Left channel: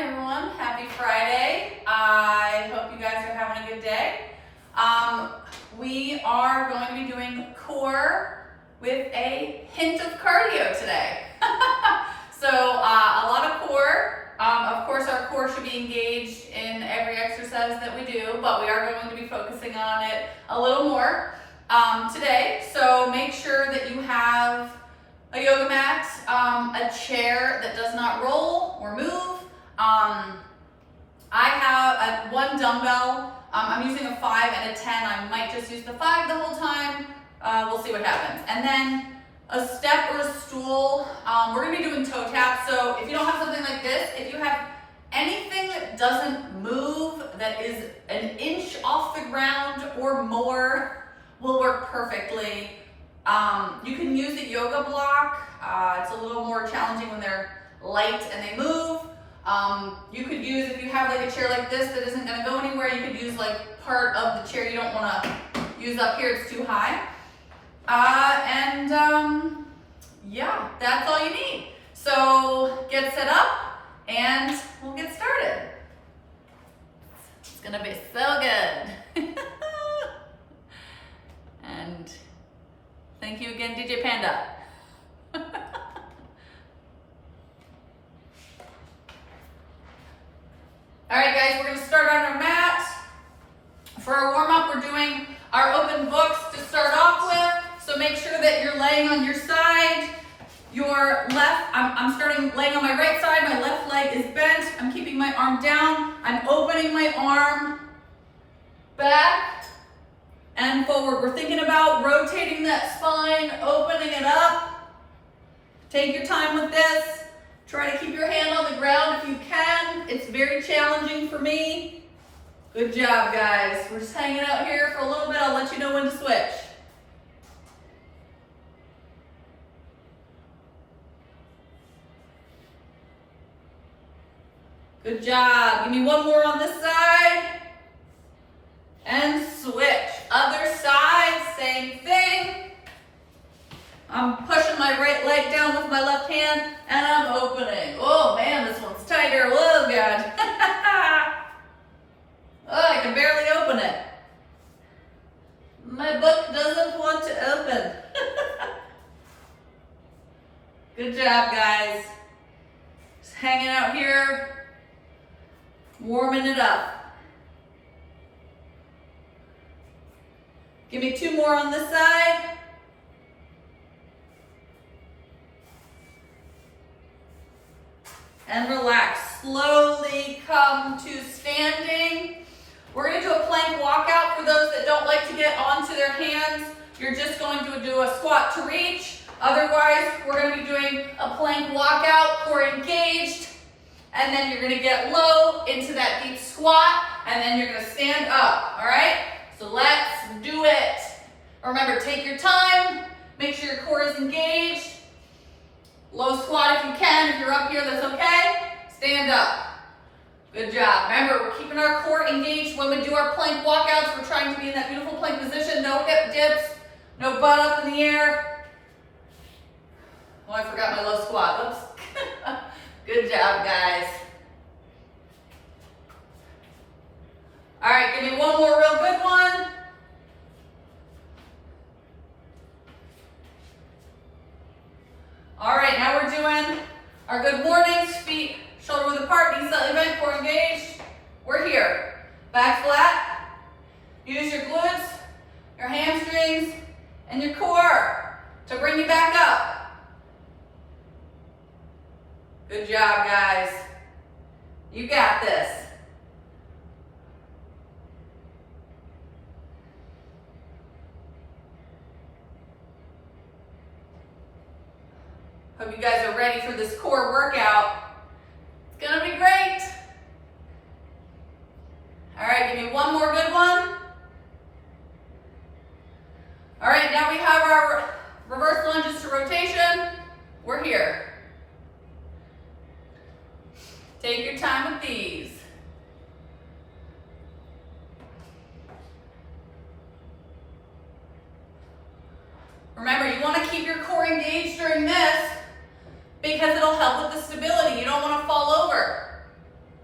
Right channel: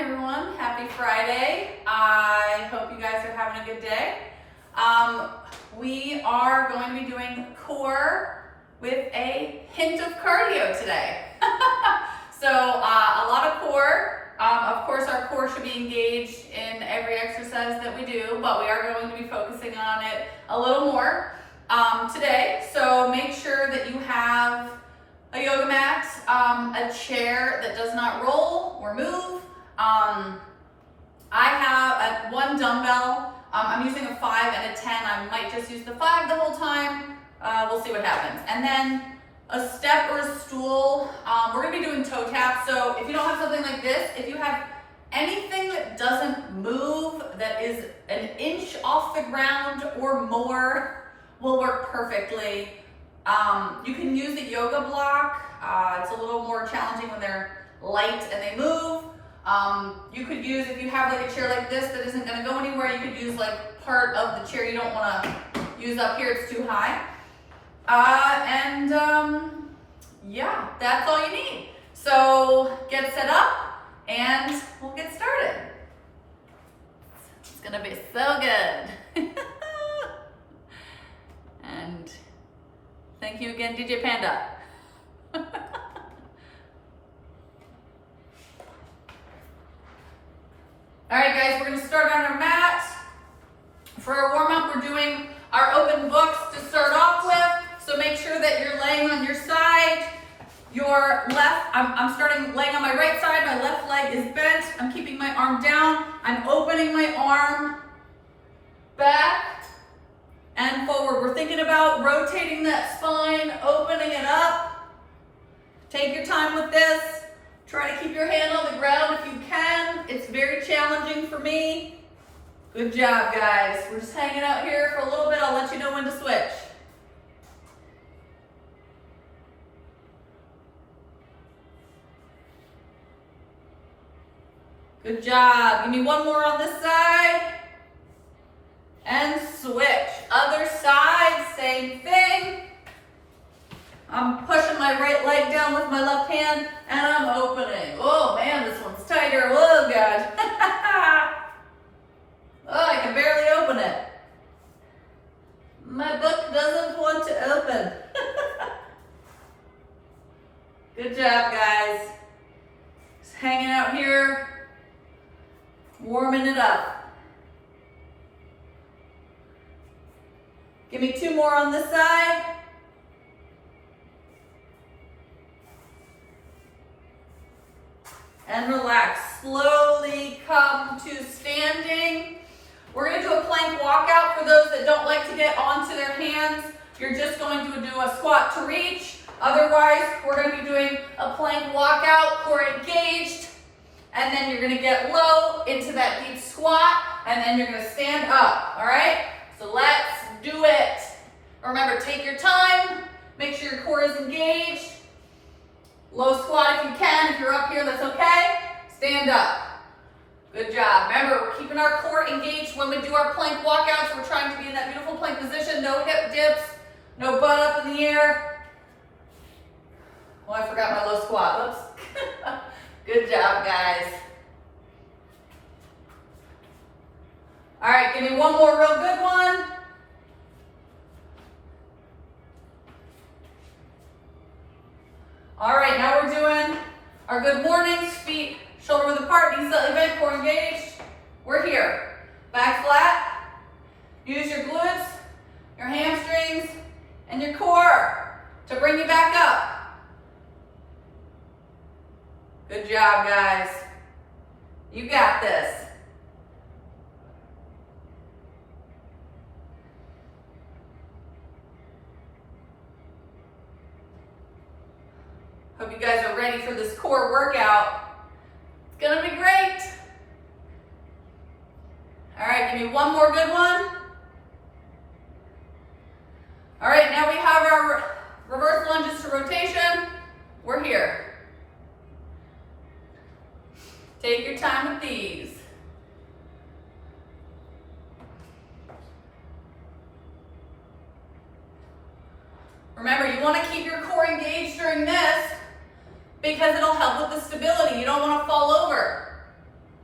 everyone. Happy Friday. I hope you guys are having a good day. We are going to be doing core with a hint of cardio today. So a lot of core. Of course, our core should be engaged in every exercise that we do, but we are going to be focusing on it a little more today. So make sure that you have a yoga mat, a chair that does not roll or move. I have one dumbbell. I'm using a 5 and a 10. I might just use the 5 the whole time. We'll see what happens. And then a step or a stool. We're gonna be doing toe taps. So if you don't have something like this, if you have anything that doesn't move, that is an inch off the ground or more, will work perfectly. You can use a yoga block. It's a little more challenging when they're light and they move. You could use, if you have like a chair like this that isn't gonna go anywhere, you could use like part of the chair you don't wanna use up here, it's too high. Yeah, that's all you need. So get set up and we'll get started. It's gonna be so good. And thank you again, DJ Panda. All right, guys, we're gonna start on our mat. For our warm-up, we're doing our open books to start off with. So make sure that you're laying on your side. Your left, I'm starting laying on my right side. My left leg is bent. I'm keeping my arm down. I'm opening my arm back and forward. We're thinking about rotating that spine, opening it up. Take your time with this. Try to keep your hand on the ground if you can. It's very challenging for me. Good job, guys. We're just hanging out here for a little bit. I'll let you know when to switch. Good job. Give me one more on this side. And switch. Other side, same thing. I'm pushing my right leg down with my left hand and I'm opening. Oh man, this one's tighter. Oh God. Oh, I can barely open it. My book doesn't want to open. Good job, guys. Just hanging out here, warming it up. Give me 2 more on this side. And relax. Slowly come to standing. We're going to do a plank walkout for those that don't like to get onto their hands. You're just going to do a squat to reach. Otherwise, we're going to be doing a plank walkout, core engaged. And then you're going to get low into that deep squat. And then you're going to stand up. All right? So let's do it. Remember, take your time. Make sure your core is engaged. Low squat if you can. If you're up here, that's okay. Stand up. Good job. Remember, we're keeping our core engaged when we do our plank walkouts. We're trying to be in that beautiful plank position. No hip dips. No butt up in the air. Oh, I forgot my low squat. Oops. Good job, guys. All right, give me one more real good one. All right, now we're doing our good mornings, feet shoulder width apart, knees slightly bent, core engaged. We're here. Back flat. Use your glutes, your hamstrings, and your core to bring you back up. Good job, guys. You got this. Hope you guys are ready for this core workout. It's gonna be great. All right, give me one more good one. All right, now we have our reverse lunges to rotation. We're here. Take your time with these. Remember, you want to keep your core engaged during this because it'll help with the stability. You don't want to fall over.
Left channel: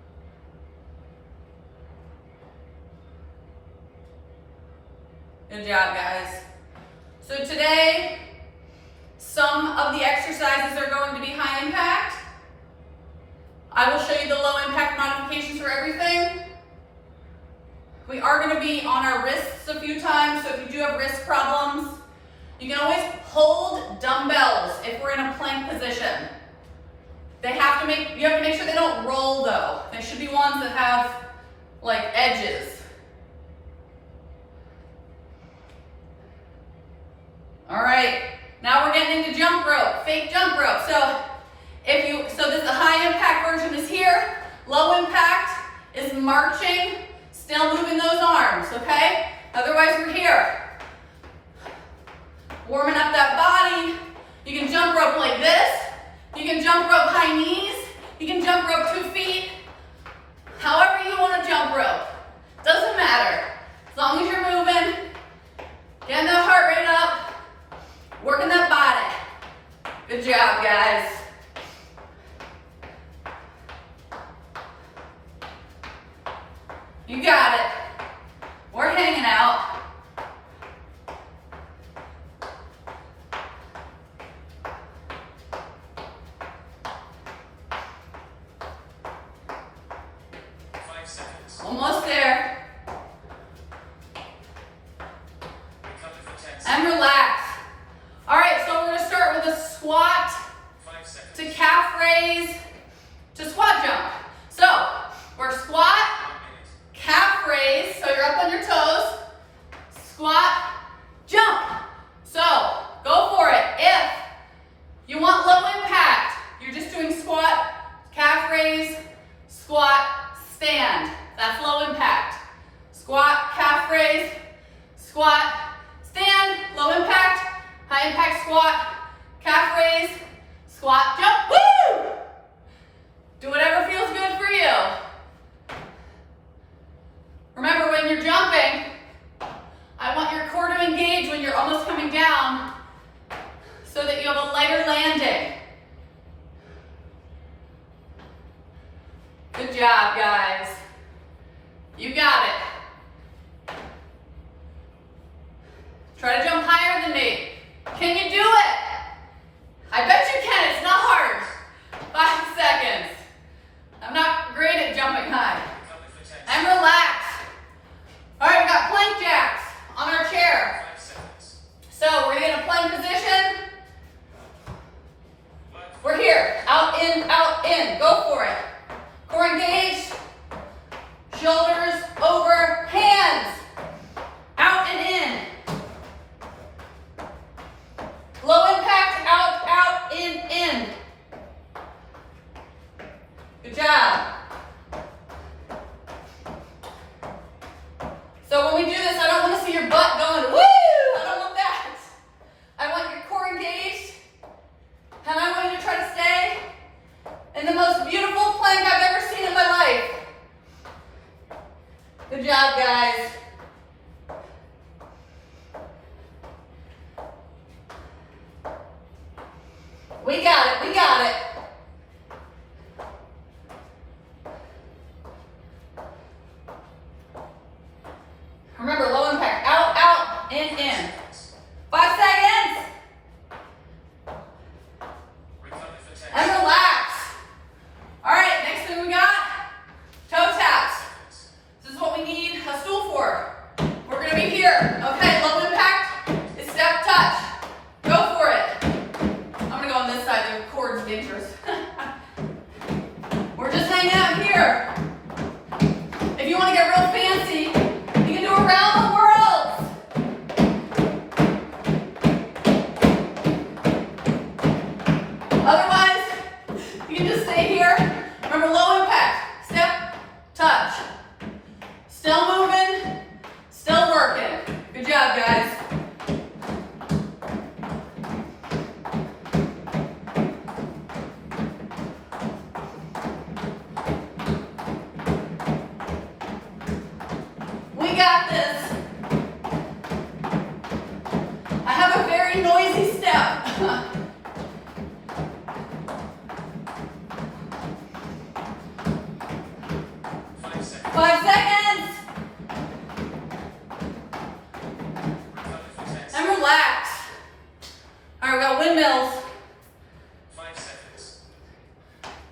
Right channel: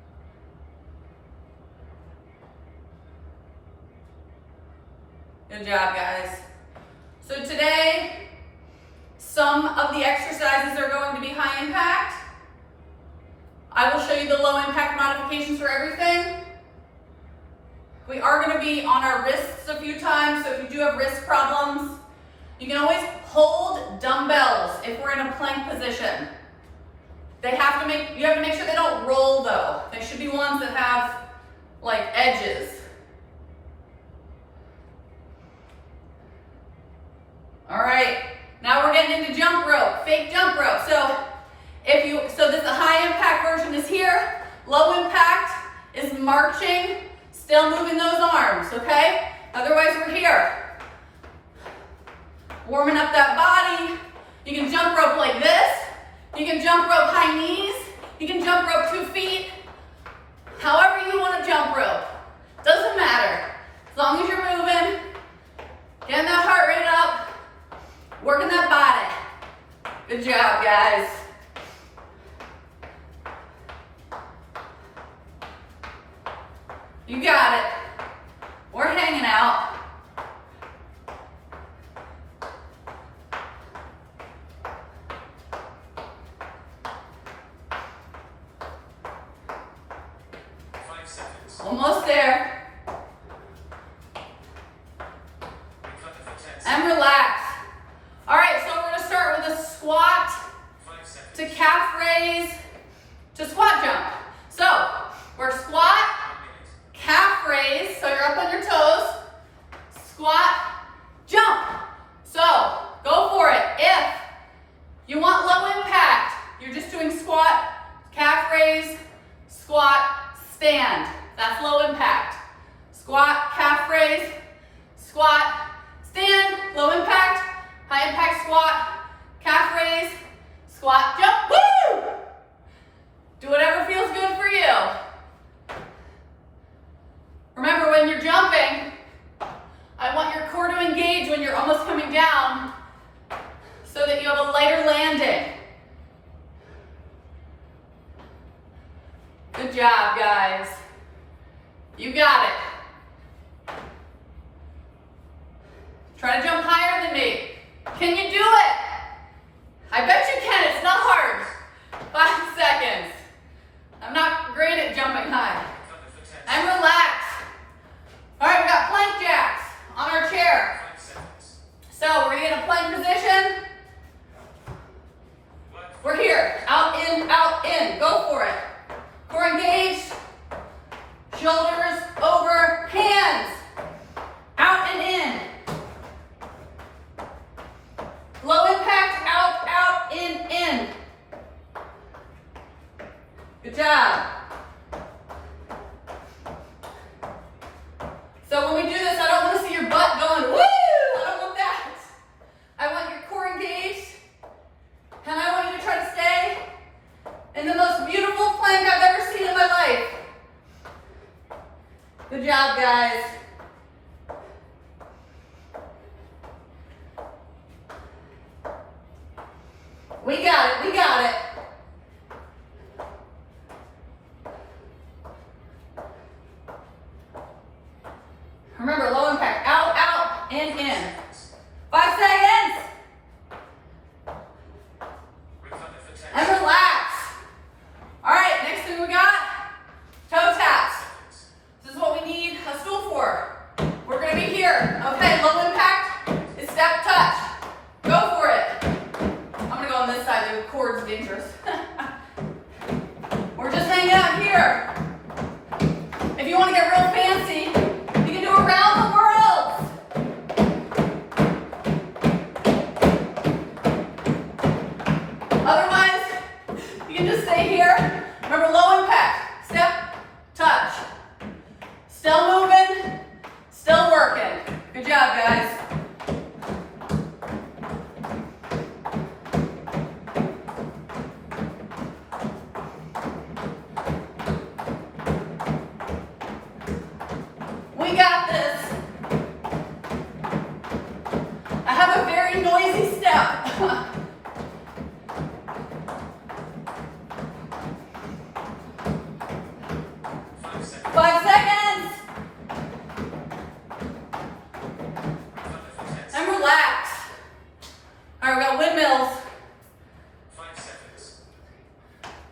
Good job, guys. So today, some of the exercises are going to be high impact. I will show you the low impact modifications for everything. We are going to be on our wrists a few times, so if you do have wrist problems, you can always hold dumbbells if we're in a plank position. You have to make sure they don't roll though. They should be ones that have like edges. All right, now we're getting into jump rope, fake jump rope. So this the high impact version is here. Low impact is marching, still moving those arms, okay? Otherwise we're here. Warming up that body. You can jump rope like this. You can jump rope high knees. You can jump rope 2 feet. However you want to jump rope. Doesn't matter. As long as you're moving, getting that heart rate up, working that body. Good job, guys. You got it. We're hanging out. Almost there. And relax. All right, so we're going to start with a squat to calf raise to squat jump. So we're squat, calf raise, so you're up on your toes, squat, jump. So go for it. If you want low impact, you're just doing squat, calf raise, squat, stand. That's low impact. Squat, calf raise, squat, stand, low impact, high impact squat, calf raise, squat, jump, woo! Do whatever feels good for you. Remember, when you're jumping, I want your core to engage when you're almost coming down so that you have a lighter landing. Good job, guys. You got it. Try to jump higher than me. Can you do it? I bet you can. It's not hard. 5 seconds. I'm not great at jumping high. And relax. All right, we got plank jacks on our chair. So we're in a plank position. We're here. Out, in. Go for it. Core engaged. Shoulders over, hands. Out and in. Low impact, out, in. Good job. So when we do this, I don't want to see your butt going, woo! I don't want that. I want your core engaged. And I want you to try to stay in the most beautiful plank I've ever seen in my life. Good job, guys. We got it. Remember, low impact, out, in. 5 seconds. And relax. All right, next thing we got, toe taps. This is what we need a stool for. We're gonna be here. Okay, low impact is step touch. Go for it. I'm gonna go on this side, the cord's dangerous. We're just hanging out here. If you wanna get real fancy, you can do around the world. Otherwise, you can just stay here. Remember, low impact, step, touch. Still moving, still working. Good job, guys. We got this. I have a very noisy step. 5 seconds.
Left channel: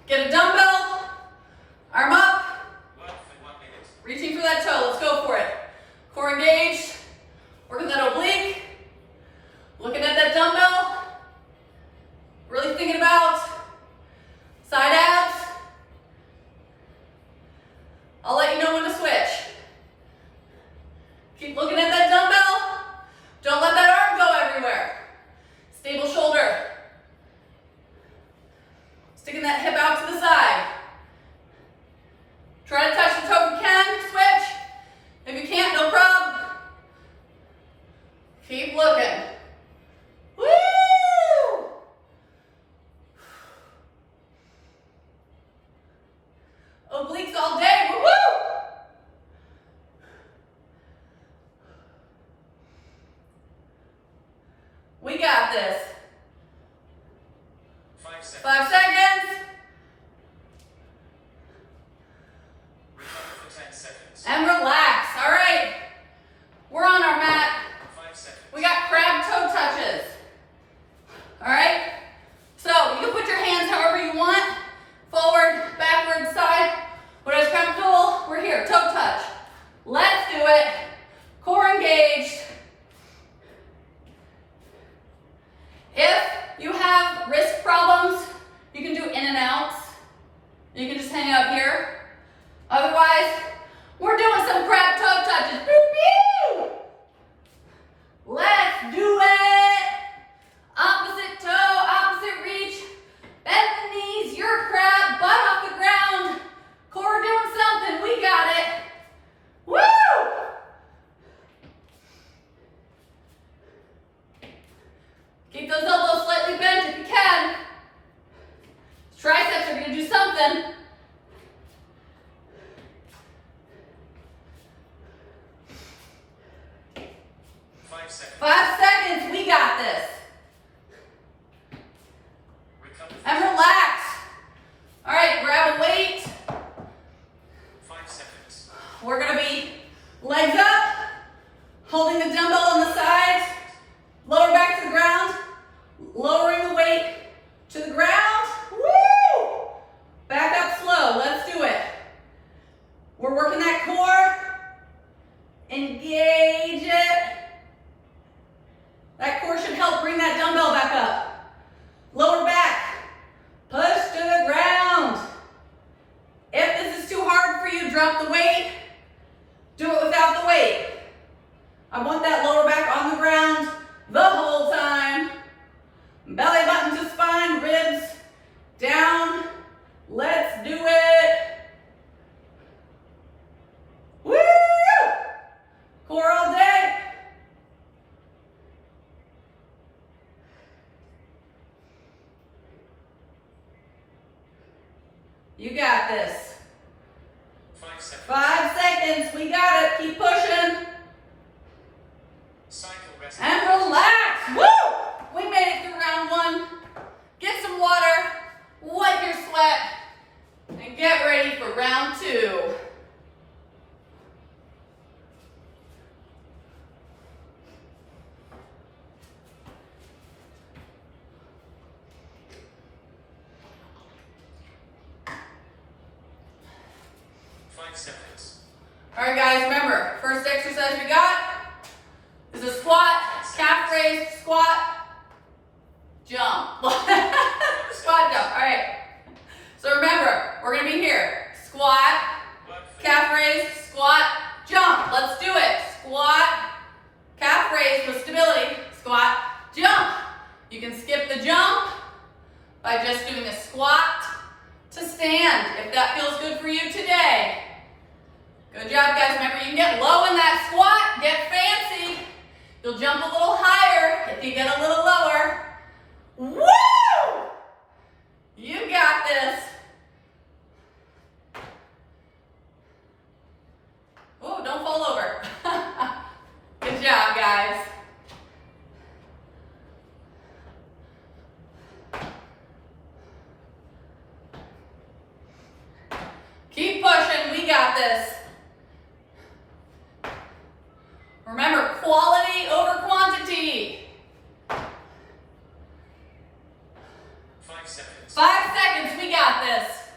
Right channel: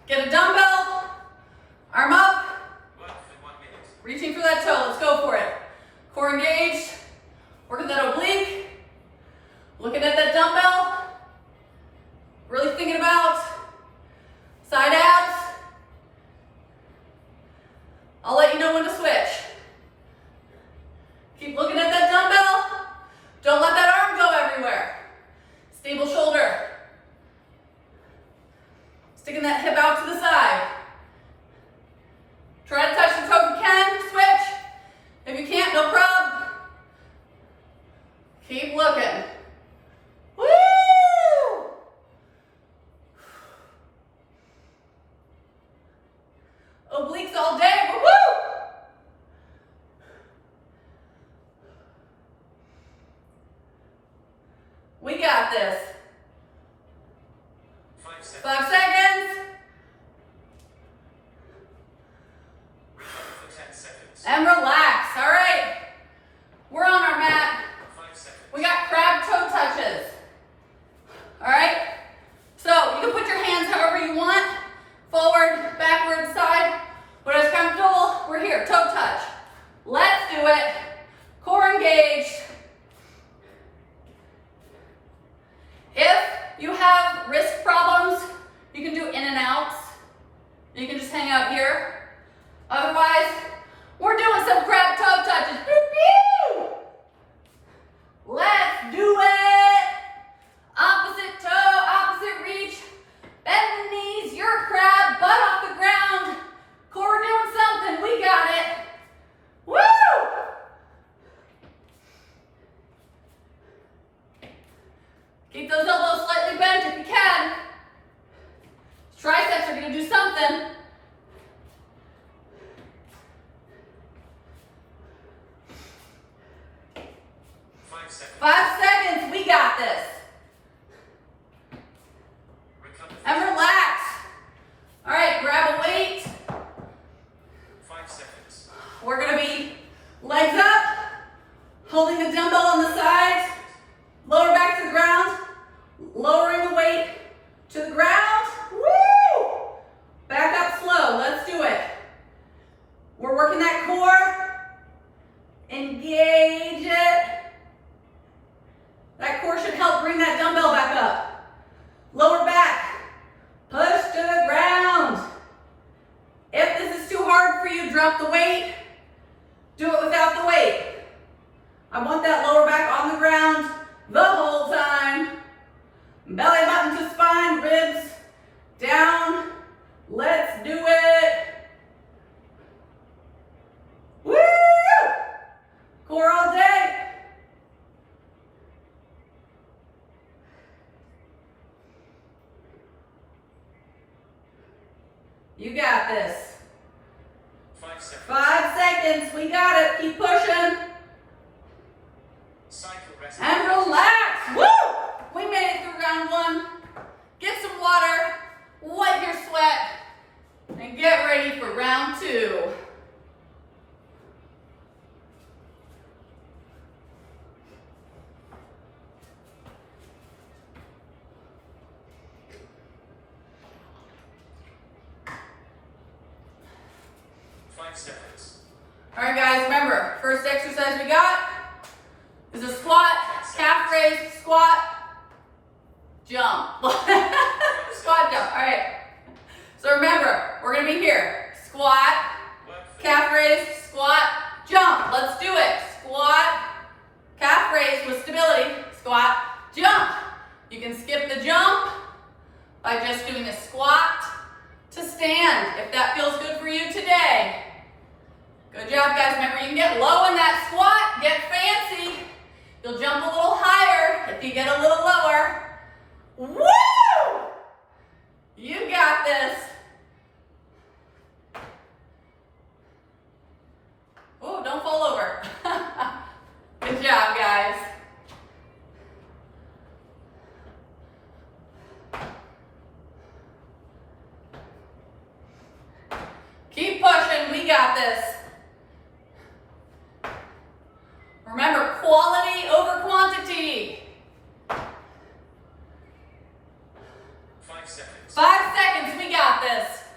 Get a dumbbell, arm up, reaching for that toe. Let's go for it. Core engaged, working that oblique, looking at that dumbbell, really thinking about side abs. I'll let you know when to switch. Keep looking at that dumbbell. Don't let that arm go everywhere. Stable shoulder. Sticking that hip out to the side. Try to touch the toe if you can. Switch. If you can't, no problem. Keep looking. Woo! Obliques all day. Woo-woo! We got this. 5 seconds. For 10 seconds. And relax. All right. We're on our mat. 5 seconds. We got crab toe touches. All right. So you can put your hands however you want. Forward, backward, side. Whatever's comfortable. We're here. Toe touch. Let's do it. Core engaged. If you have wrist problems, you can do in and outs. You can just hang out here. Otherwise, we're doing some crab toe touches. Pew, pew. Let's do it. Opposite toe, opposite reach. Bend the knees, you're a crab, butt off the ground. Core doing something, we got it. Woo! Keep those elbows slightly bent if you can. Triceps are gonna do something. Five seconds. 5 seconds, we got this. Recover. And relax. All right, grab a weight. 5 seconds. We're gonna be legs up, holding the dumbbell on the sides, lower back to the ground, lowering the weight to the ground. Woo! Back up slow, let's do it. We're working that core. Engage it. That core should help bring that dumbbell back up. Lower back, push to the ground. If this is too hard for you, drop the weight. Do it without the weight. I want that lower back on the ground the whole time. Belly button to spine, ribs down. Let's do it. Woo! Core all day. You got this. 5 seconds. 5 seconds, we got it. Keep pushing. Cycle rest. And relax. Woo! We made it through round 1. Get some water, wipe your sweat, and get ready for round 2. Seconds. All right, guys, remember, first exercise we got is a squat, calf raise, squat, jump. Squat, jump. All right. So remember, we're going to be here. Squat, calf raise, squat, jump. Let's do it. Squat, calf raise with stability, squat, jump. You can skip the jump by just doing a squat to stand, if that feels good for you today. Good job, guys. Remember, you can get low in that squat, get fancy. You'll jump a little higher if you get a little lower. Woo! You got this. Oh, don't fall over. Good job, guys. Keep pushing, we got this. Remember, quality over quantity. 5 seconds. 5 seconds, we got this.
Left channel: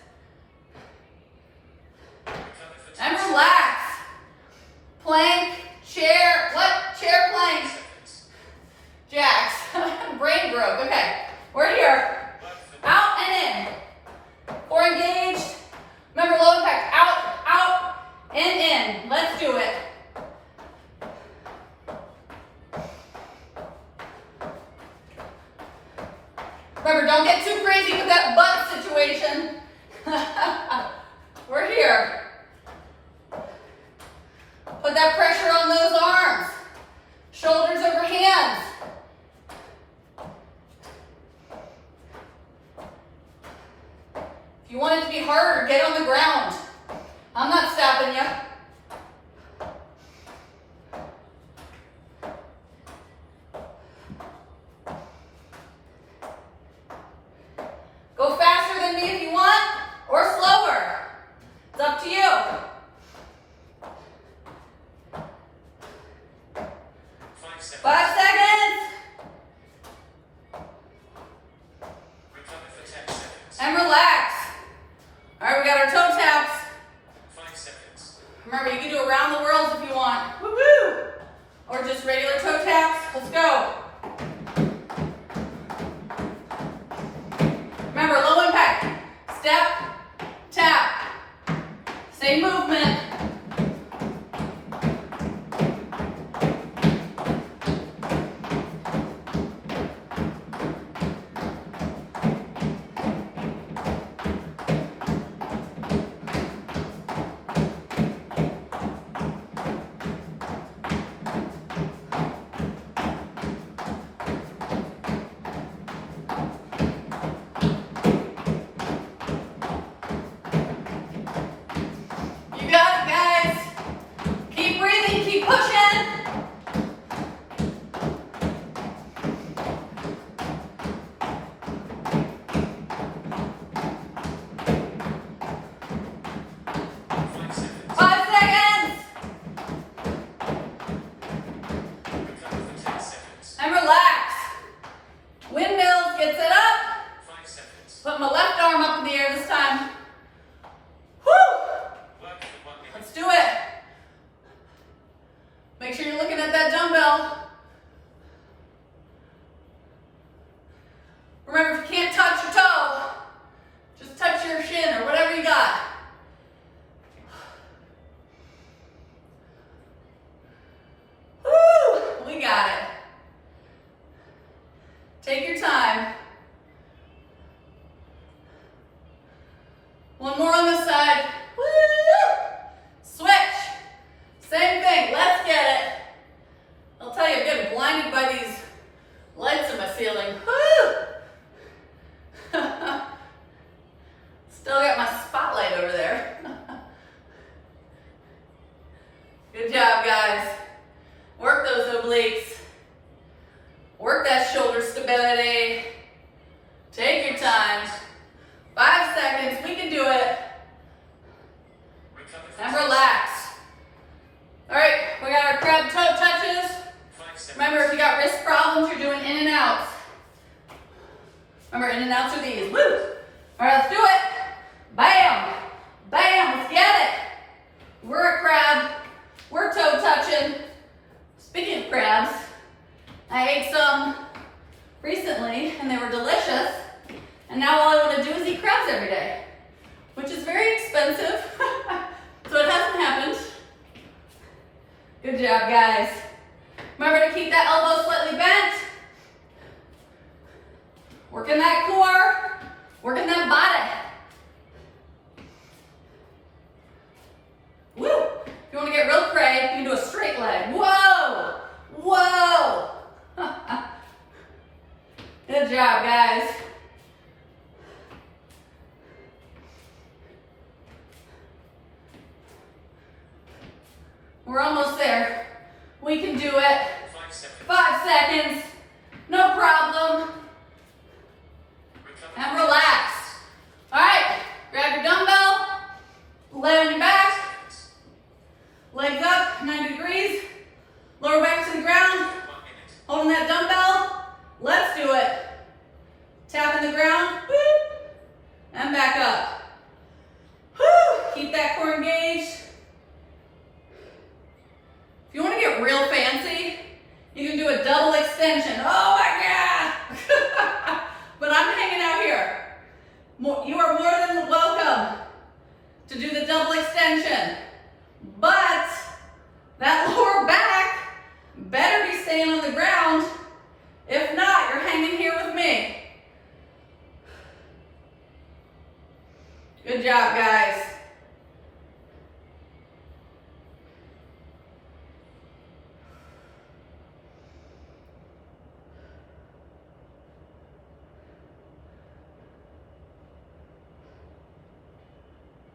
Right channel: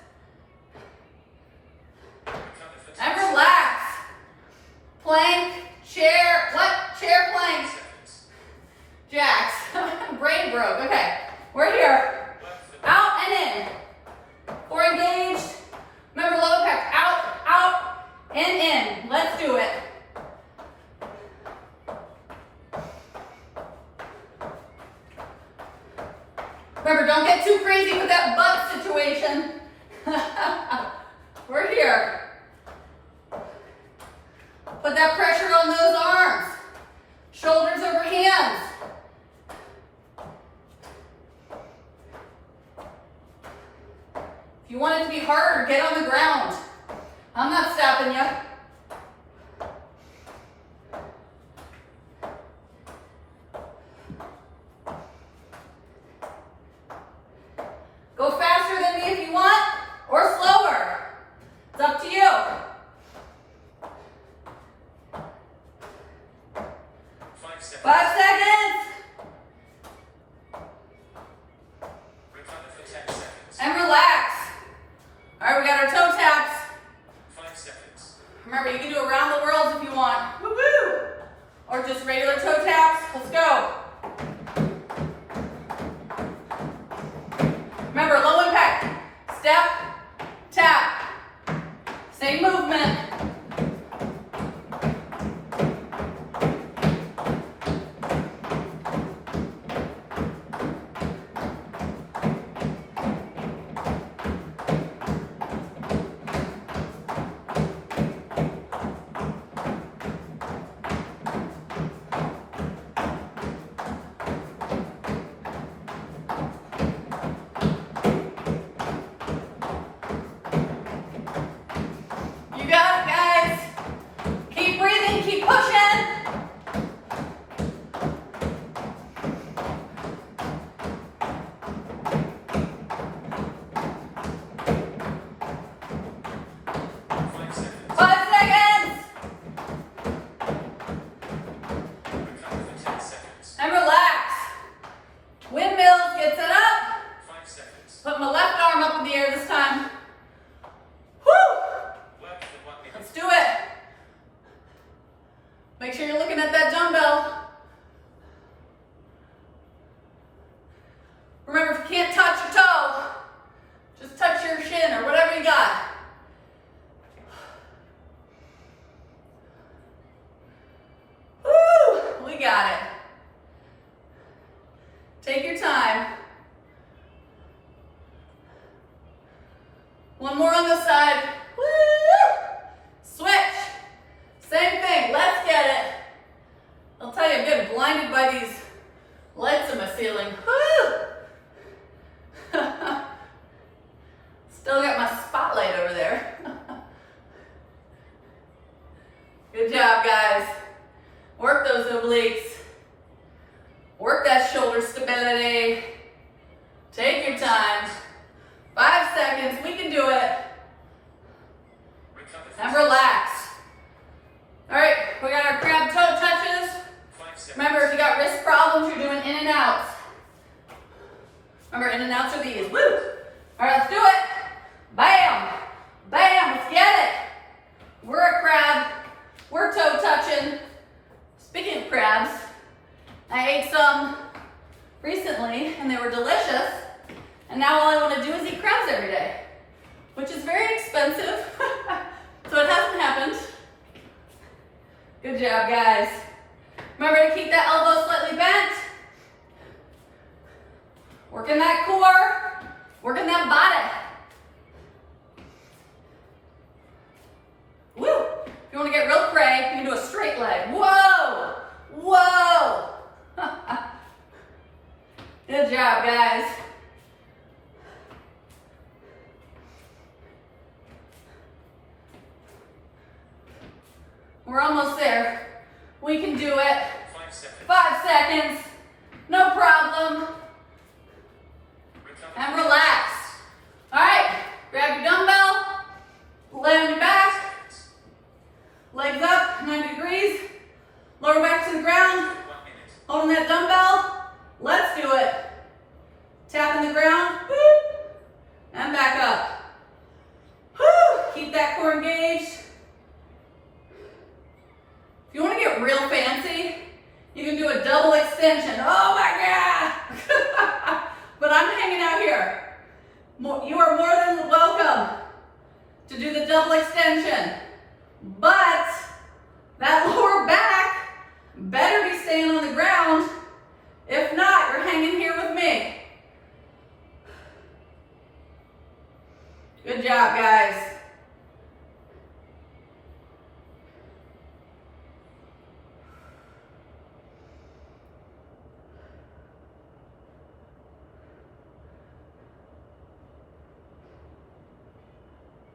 here. Put that pressure on those arms. Shoulders over hands. If you want it to be harder, get on the ground. I'm not stopping you. Go faster than me if you want, or slower. It's up to you. 5 seconds. 5 seconds. Recover for 10 seconds. And relax. All right, we got our toe taps. 5 seconds. Remember, you can do around the world if you want. Woohoo! Or just regular toe taps. Let's go. Remember, low impact. Step, tap. Same movement. You got it, guys. Keep breathing, keep pushing. Five seconds. 5 seconds. Recover for 10 seconds. And relax. Windmills, get set up. 5 seconds. Put my left arm up in the air this time. Woo! Work for 1 minute. Let's do it. Make sure you're looking at that dumbbell. Remember, if you can't touch your toe, just touch your shin or whatever you got. Woo! We got it. Take your time. One more on this side. Woo! Switch. Same thing. Let's get it. I'll tell you, I'm getting blinded by these lights in my ceiling. Woo! Still got my spotlight over there. Good job, guys. Work those obliques. Work that shoulder stability. Take your time. 5 seconds. We can do it. Recover for And 10 relax. All right, we got our crab toe touches. 5 seconds. Remember, if you got wrist problems, you're doing in and outs. Remember, in and outs are these. Woo! All right, let's do it. Bam! Bam! Let's get it. We're a crab. We're toe touching. Speaking of crabs, I ate some recently, and they were delicious. And now all I want to do is eat crabs every day, which is very expensive. So it hasn't happened. Good job, guys. Remember to keep that elbow slightly bent. Working that core, working that body. Woo! If you want to get real cray, you can do a straight leg. Whoa! Whoa! Good job, guys. We're almost there. We can do it. 5 seconds. 5 seconds. No problem. Recover And for relax. All right. Grab your dumbbell. Lay on your back. 10 seconds. Legs up, 90 degrees. Lower back to the ground. 1 minute. Holding that dumbbell. Let's do it. Tapping the ground. Woo. And back up. Woo. Keep that core engaged. If you want to get real fancy, you can do a double extension. Oh my God! But I'm hanging out here. You are more than welcome to do the double extension. But that lower back better be staying on the ground. If not, you're hanging here with me. Good job, guys.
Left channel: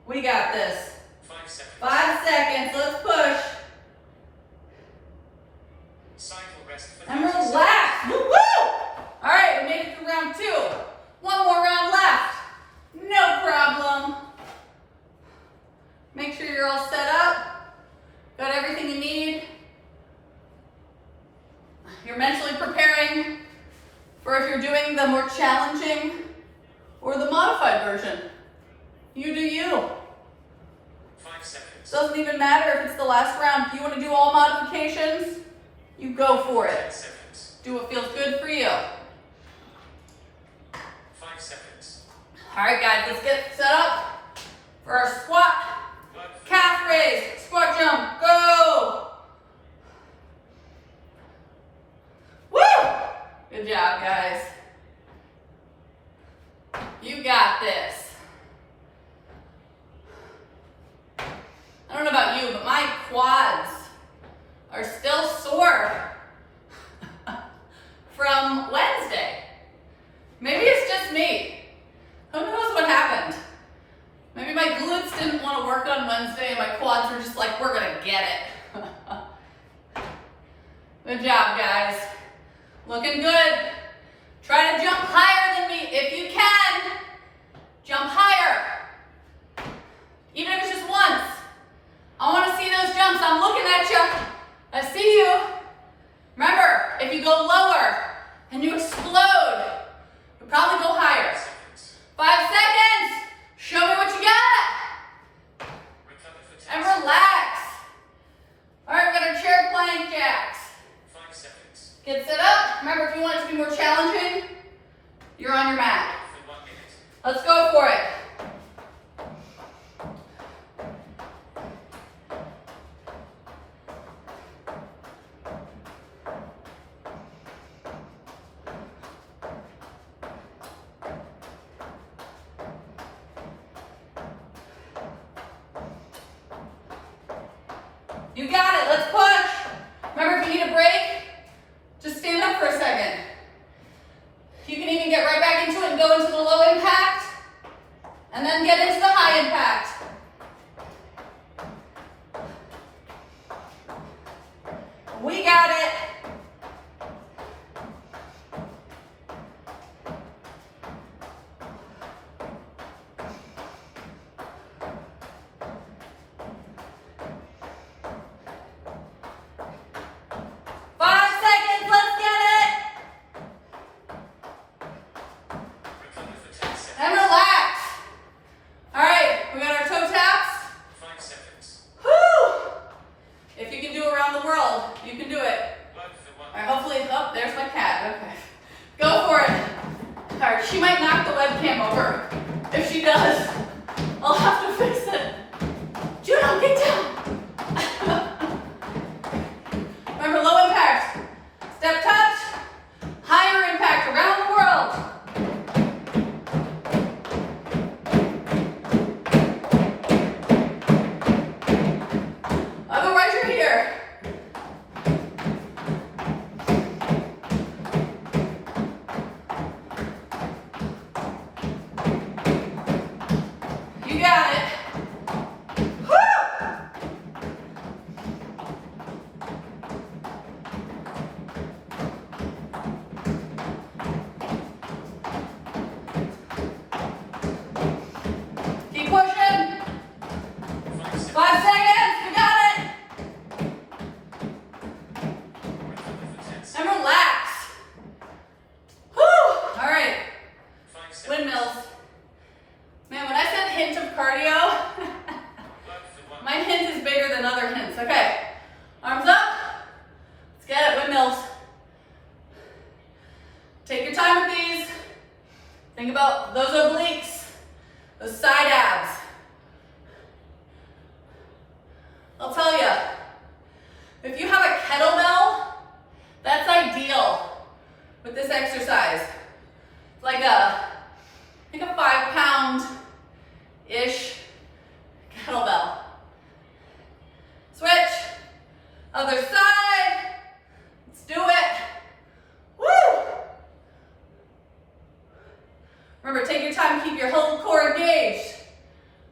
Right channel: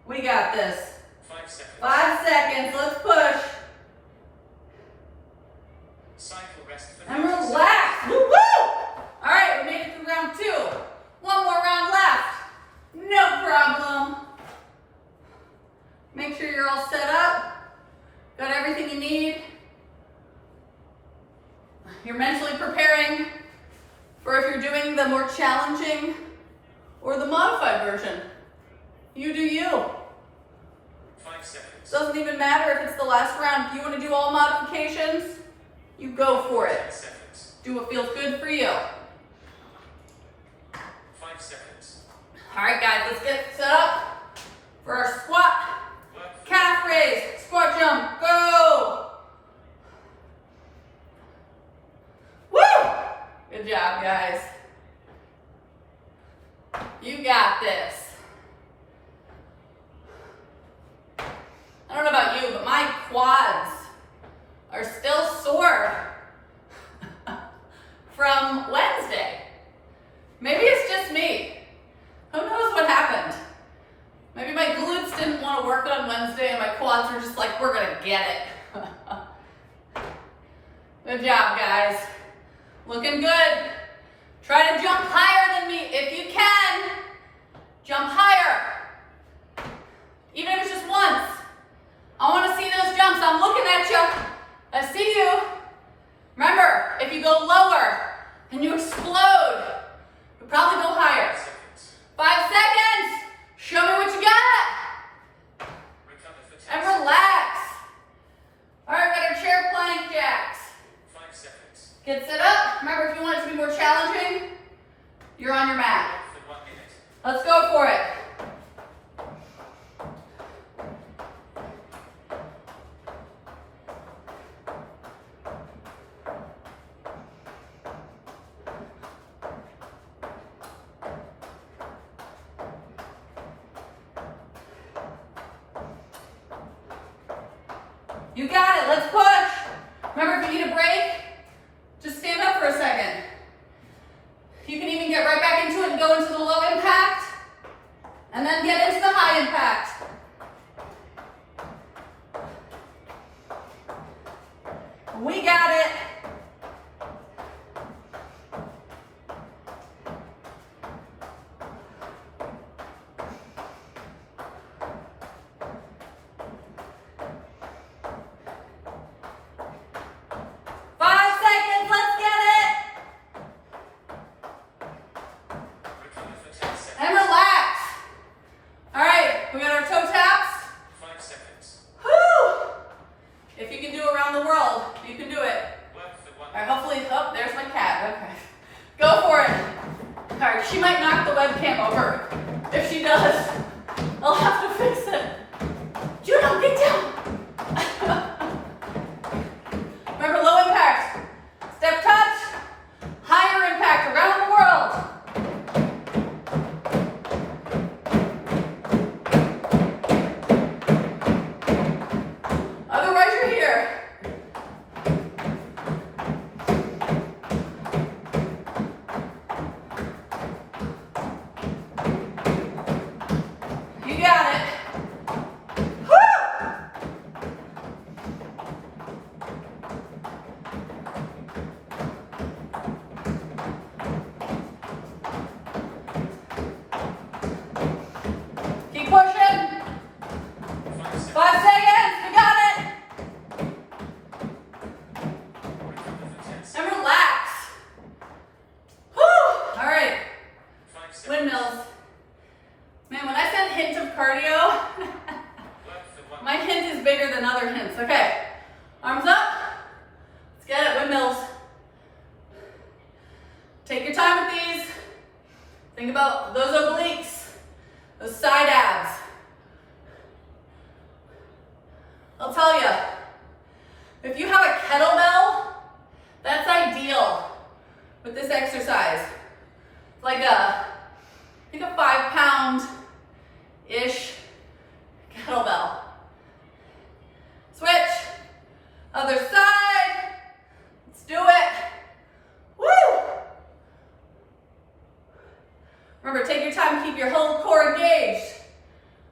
We got this. 5 seconds. 5 seconds. Let's push. Cycle rest for And 30 relax. Woo woo! All right, we made it through round 2. One more round left. No problem. Make sure you're all set up. Got everything you need. You're mentally preparing for if you're doing the more challenging or the modified version. You do you. 5 seconds. Doesn't even matter if it's the last round. If you want to do all modifications, you go for 10 it. seconds. Do what feels good for you. 5 seconds. All right, guys, let's get set up for our squat, Work. calf raise, squat jump, go! Woo! Good job, guys. You got this. I don't know about you, but my quads are still sore from Wednesday. Maybe it's just me. Who knows what happened? Maybe my glutes didn't want to work on Wednesday and my quads were just like, we're gonna get it. Good job, guys. Looking good. Try to jump higher than me if you can. Jump higher. Even if it's just once. I want to see those jumps. I'm looking at you. I see you. Remember, if you go lower and you explode, you'll probably go higher. 5 seconds. 5 seconds. Show me what you got. Recover for 10 And seconds. relax. All right, we got our chair plank jacks. 5 seconds. Get set up. Remember, if you want it to be more challenging, you're on your mat. For 1 minute. Let's go for it. You got it. Let's push. Remember, if you need a break, just stand up for a second. You can even get right back into it and go into the low impact, and then get into the high impact. We got it. Recover for 10 seconds. And relax. All right, we got our toe taps. 5 seconds. Whew. If you can do around the world, you can do it. Work for 1 All right, minute. hopefully, oh, there's my cat. Okay. Go for it. All right, she might knock the webcam over. If she does, I'll have to fix it. Juno, get down. Remember, low impact. Step touch. Higher impact around the world. Otherwise, you're here. You got it. Woo! Keep pushing. 5 seconds. 5 seconds. We got it. Recover for 10 seconds. And relax. Whew. All right. 5 seconds. Windmills. Man, when I said hint of cardio, Work for 1 my hint is bigger than other hints. Okay. Arms up. Let's get it. Windmills. Take your time with these. Think about those obliques, those side abs. I'll tell you, if you have a kettlebell, that's ideal with this exercise. It's like a 5-pound-ish kettlebell. Switch. Other side. Let's do it. Woo! Remember, take your time, keep your whole core engaged.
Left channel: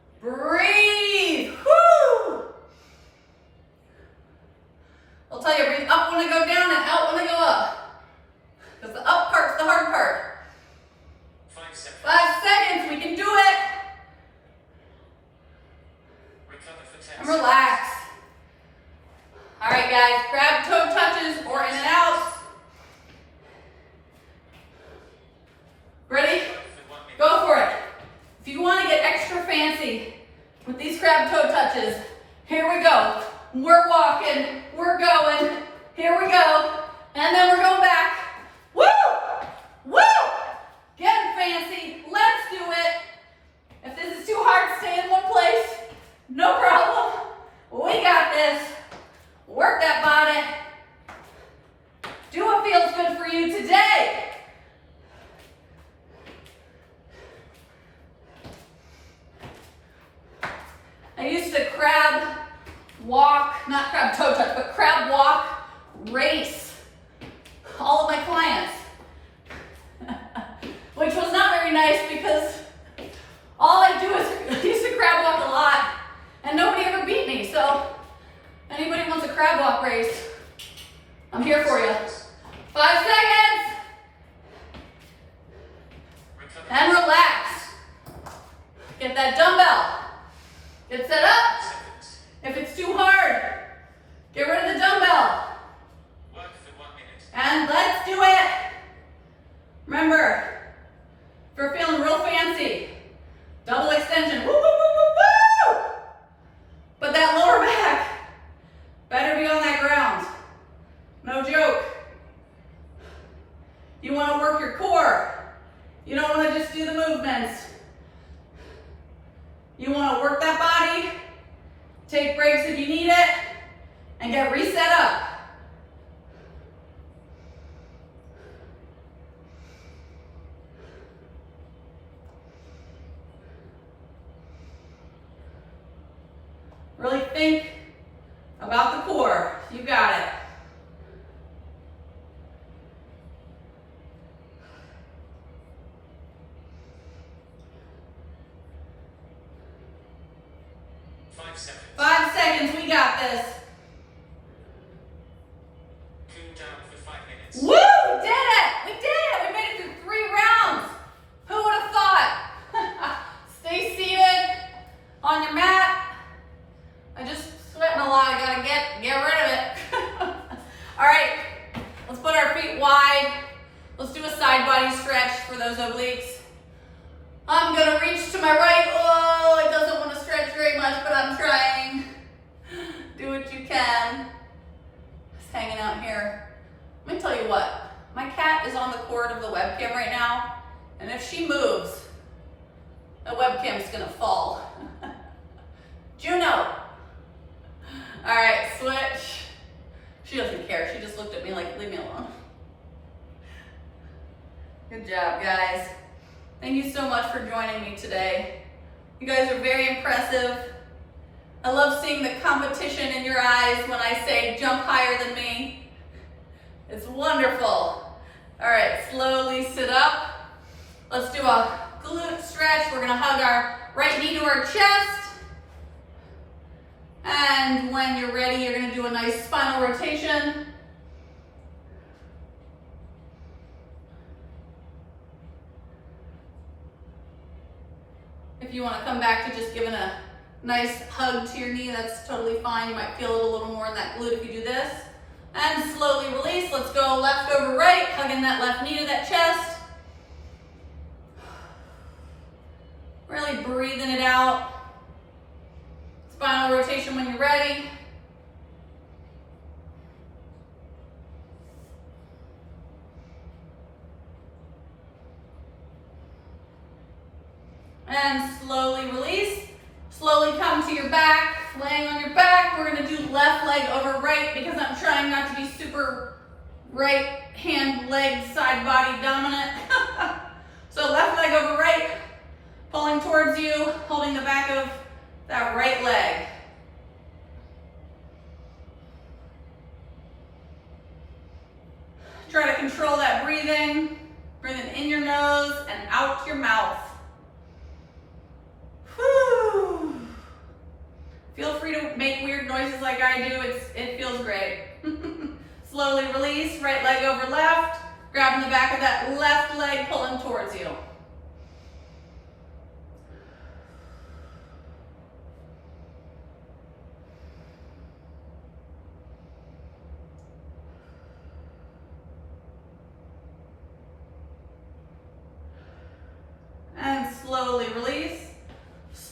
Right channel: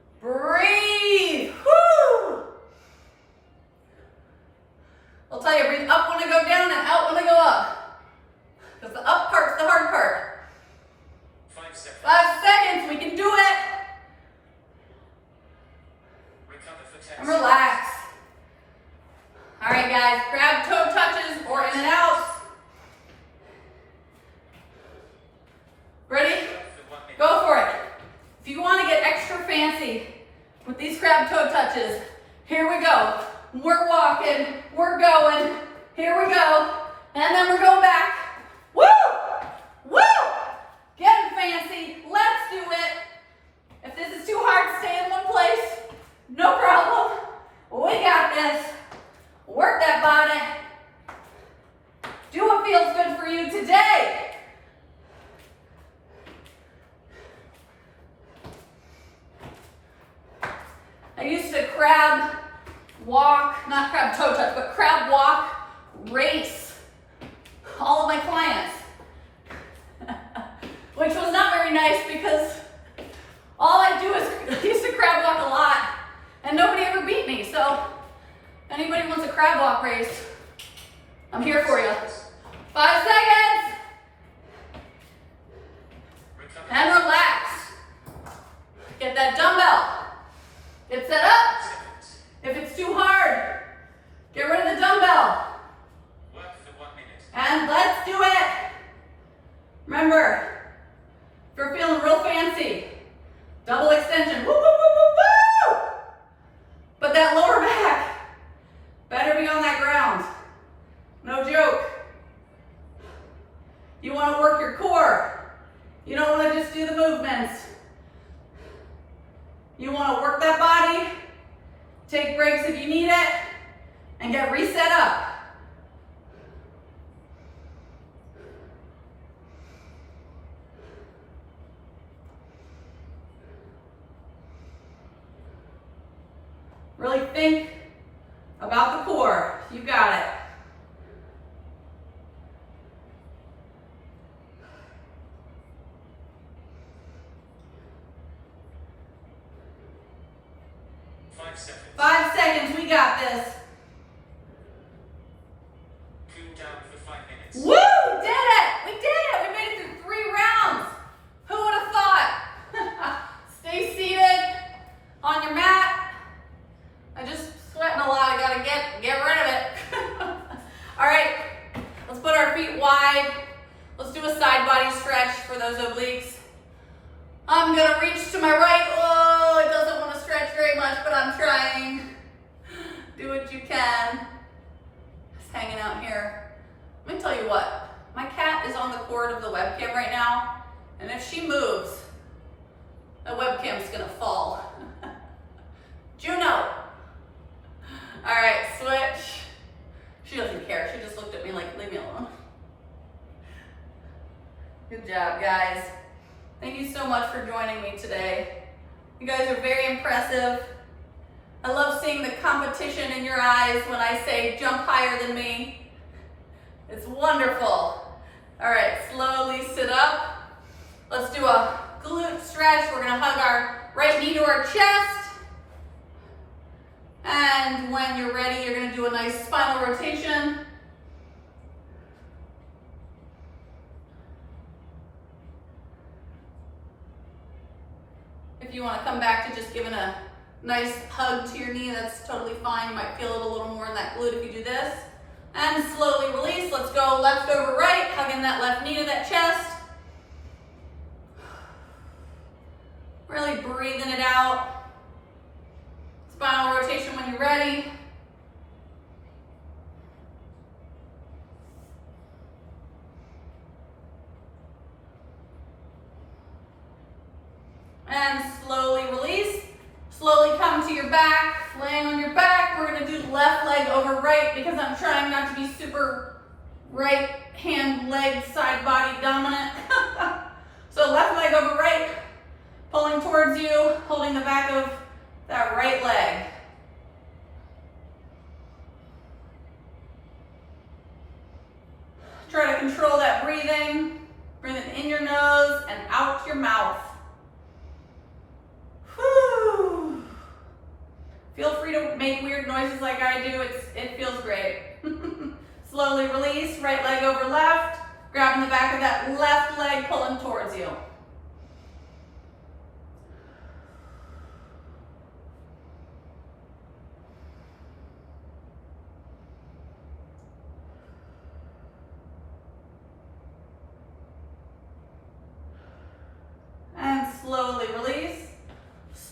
10 and relax. All right, guys, grab toe touches or in and out. Ready? seconds. For 1 minute. Go for it. If you want to get extra fancy with these crab toe touches, here we go. We're walking, we're going, here we go, and then we're going back. Woo! Woo! Getting fancy, let's do it. If this is too hard, stay in one place, no problem. We got this. Work that body. Do what feels good for you today. I used to crab walk, not crab toe touch, but crab walk race all of my clients, which was not very nice because all I do is, I used to crab walk a lot and nobody ever beat me. So anybody wants a crab walk race, I'm here for you. 5 seconds Recover. and relax. Get that dumbbell. Get set up. 10 seconds. If it's too hard, get rid of the dumbbell. Work for 1 minute. And let's do it. Remember, if you're feeling real fancy, double extension. Woo, woo, woo, woo, woo! But that lower back better be on that ground. No joke. You want to work your core. You don't want to just do the movements. You want to work that body, take breaks if you need it, and get reset up. Really think about the core. You got it. Five seconds. 5 seconds, we got this. Cool down for 5 minutes. Woo! We did it! We did it! We made it through 3 rounds. Who would have thought? Stay seated on your mat. I just sweating a lot. I gotta get rid of it. All right, let's put our feet wide. Let's do a side body stretch for those obliques. I'm gonna reach to my right. Oh, it doesn't want to stretch very much, but I'm trying. Do what you can. Just hanging out here. Let me tell you what, my cat is on the cord of the webcam right now, and if she moves, the webcam's gonna fall. Juno. All right, switch. She doesn't care. She just looked at me like, leave me alone. Good job, guys. Thank you so much for joining me today. You guys are very impressive. I love seeing the competition in your eyes when I say jump higher than me. It's wonderful. All right, slowly sit up. Let's do a glute stretch. We're gonna hug our right knee to our chest. And when you're ready, you're gonna do a nice spinal rotation. If you wanna come back to just giving a nice hug to your knee, that's totally fine. You might feel it a little more in that glute if you do this. And slowly release. Let's go left over right, hugging that left knee to that chest. Really breathing it out. Spinal rotation when you're ready. And slowly release. Slowly come to your back, laying on your back. We're gonna do left leg over right because I'm trying not to be super right hand, leg, side body dominant. So left leg over right, pulling towards you, holding the back of that right leg. Try to control that breathing. Breathing in your nose and out your mouth. Whew. Feel free to make weird noises like I do. It feels great. Slowly release, right leg over left, grabbing the back of that left leg, pulling towards you.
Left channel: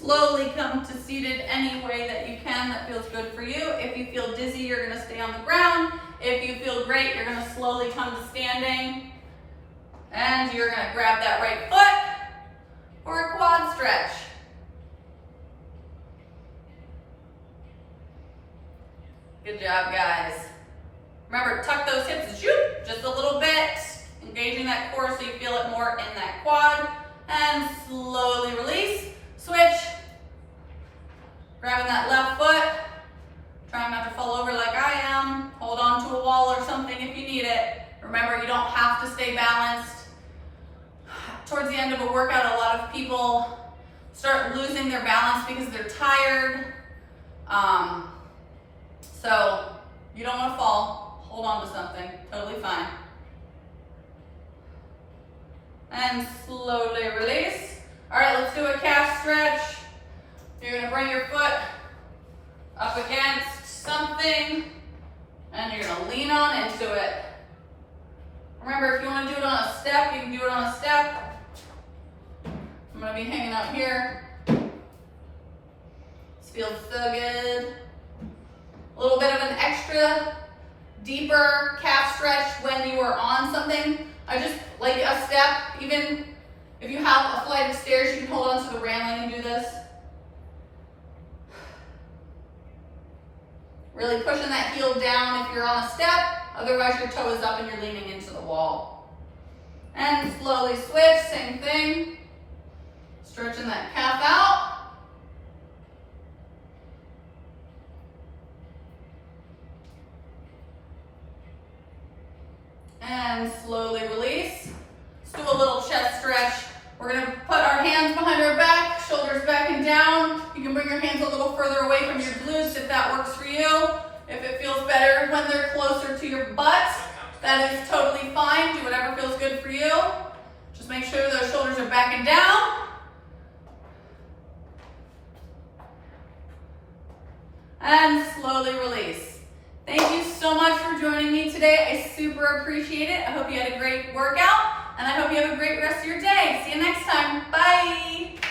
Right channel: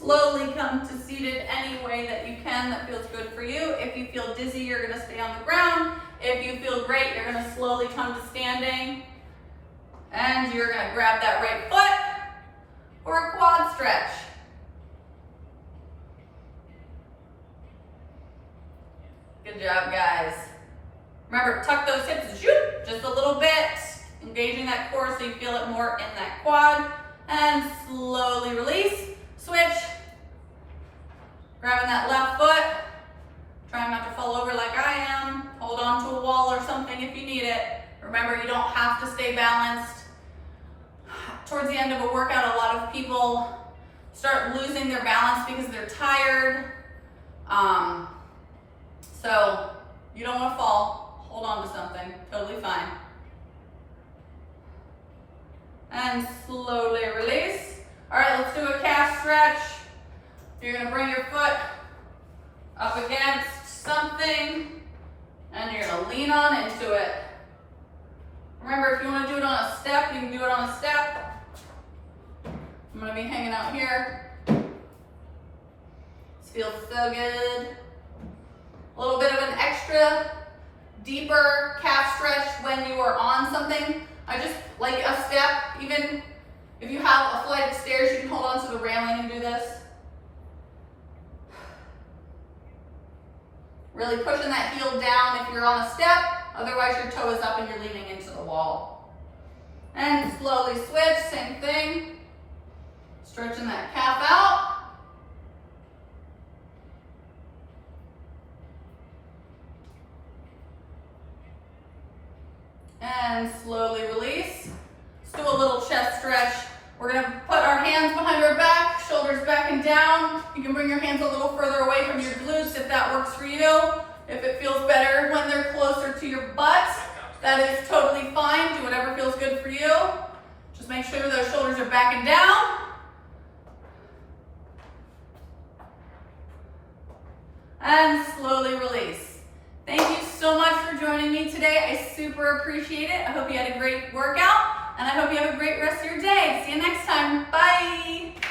slowly come to seated any way that you can that feels good for you. If you feel dizzy, you're gonna stay on the ground. If you feel great, you're gonna slowly come to standing. And you're gonna grab that right foot for a quad stretch. Good job, guys. Remember, tuck those hips, just a little bit, engaging that core so you feel it more in that quad. And slowly release, switch. Grabbing that left foot, trying not to fall over like I am. Hold on to a wall or something if you need it. Remember, you don't have to stay balanced. Towards the end of a workout, a lot of people start losing their balance because they're tired. So you don't want to fall. Hold on to something, totally fine. And slowly release. All right, let's do a calf stretch. You're gonna bring your foot up against something and you're gonna lean on into it. Remember, if you wanna do it on a step, you can do it on a step. I'm gonna be hanging out here. This feels so good. A little bit of an extra deeper calf stretch when you are on something. I just like a step, even if you have a flight of stairs, you can hold on to the railing and do this. Really pushing that heel down if you're on a step, otherwise your toe is up and you're leaning into the wall. And slowly switch, same thing. Stretching that calf out. And slowly release. Let's do a little chest stretch. We're gonna put our hands behind our back, shoulders back and down. You can bring your hands a little further away from your glutes if that works for you. If it feels better when they're closer to your butt, that is totally fine. Do whatever feels good for you. Just make sure those shoulders are back and down. And slowly release. Thank you so much for joining me today. I super appreciate it. I hope you had a great workout, and I hope you have a great rest of your day. See you next time. Bye.